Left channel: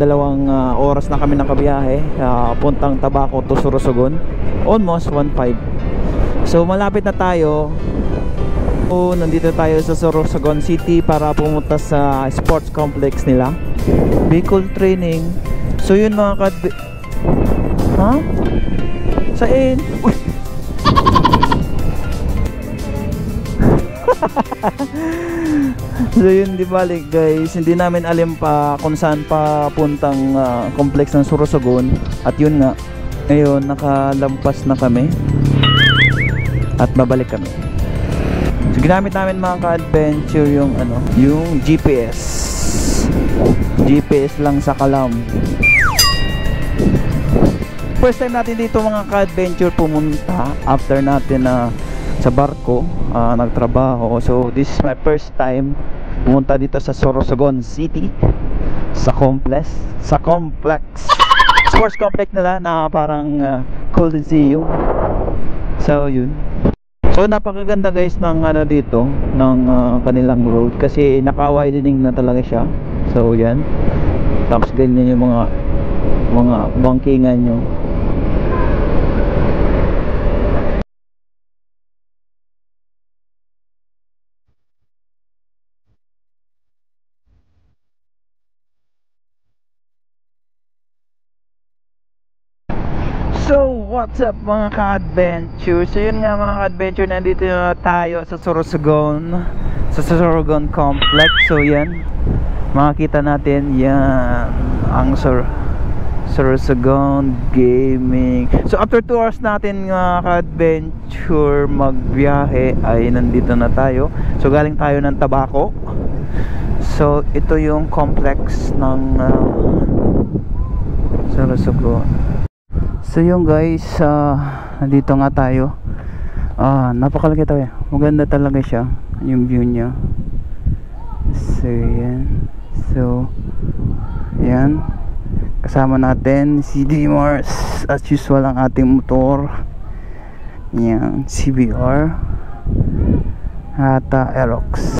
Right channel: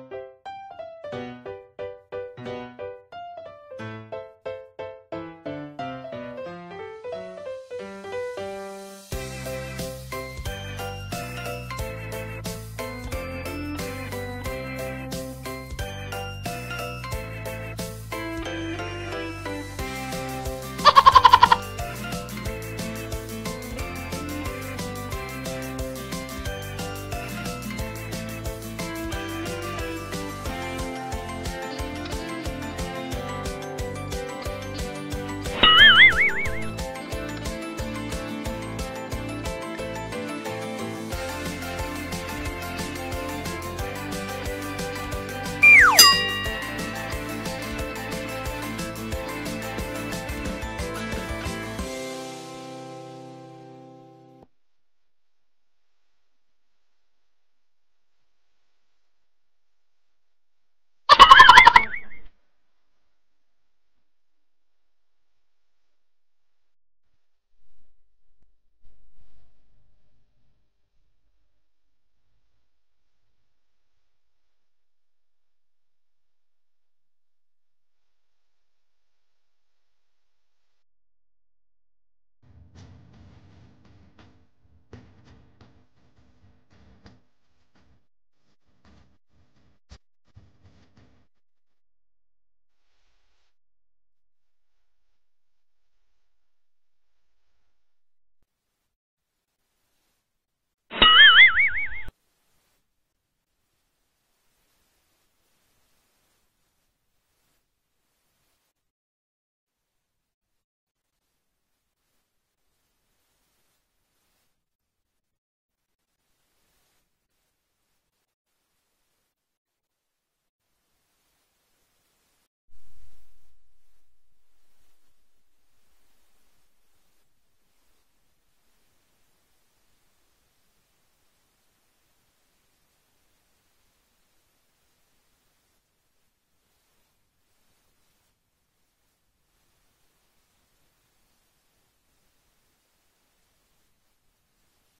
dalawang oras na kami nakabiyahe puntang Tabaco to Sorsogon, almost 1:05. So malapit na tayo. So, nandito tayo sa Sorsogon City para pumunta sa sports complex nila, vehicle training. So yun mga ha? Saan? Uy! So yun, di balik guys, hindi namin alam pa kung saan pa puntang complex ng Sorsogon. At yun nga, ngayon nakalampas na kami at babalik kami. So ginamit namin mga ka-adventure yung yung GPS lang sa Kalam. First time natin dito mga ka-adventure pumunta after natin sa barko nagtrabaho. So this is my first time pumunta dito sa Sorsogon City, sa complex sports complex nila na parang Coliseum. So yun. So napakaganda guys ng dito ng kanilang road kasi naka-widening na talaga siya. So yan. Tapos ganyan yung mga bangkingan nyo. So what's up mga ka-adventure? So yun nga mga ka-adventure, nandito na tayo sa Sorsogon, sa Sorsogon Complex. So yan, makikita natin yan ang Sorsogon Gaming. So after 2 hours natin mga ka-adventure magbiyahe ay nandito na tayo. So galing tayo ng Tabaco. So ito yung complex ng Sorsogon. So yung guys, nandito nga tayo. Napakalaki tayo. Maganda talaga siya, yung view niya. So yan. So yan, kasama natin si D-Mars as usual ang ating motor. Yan, CBR at Aerox.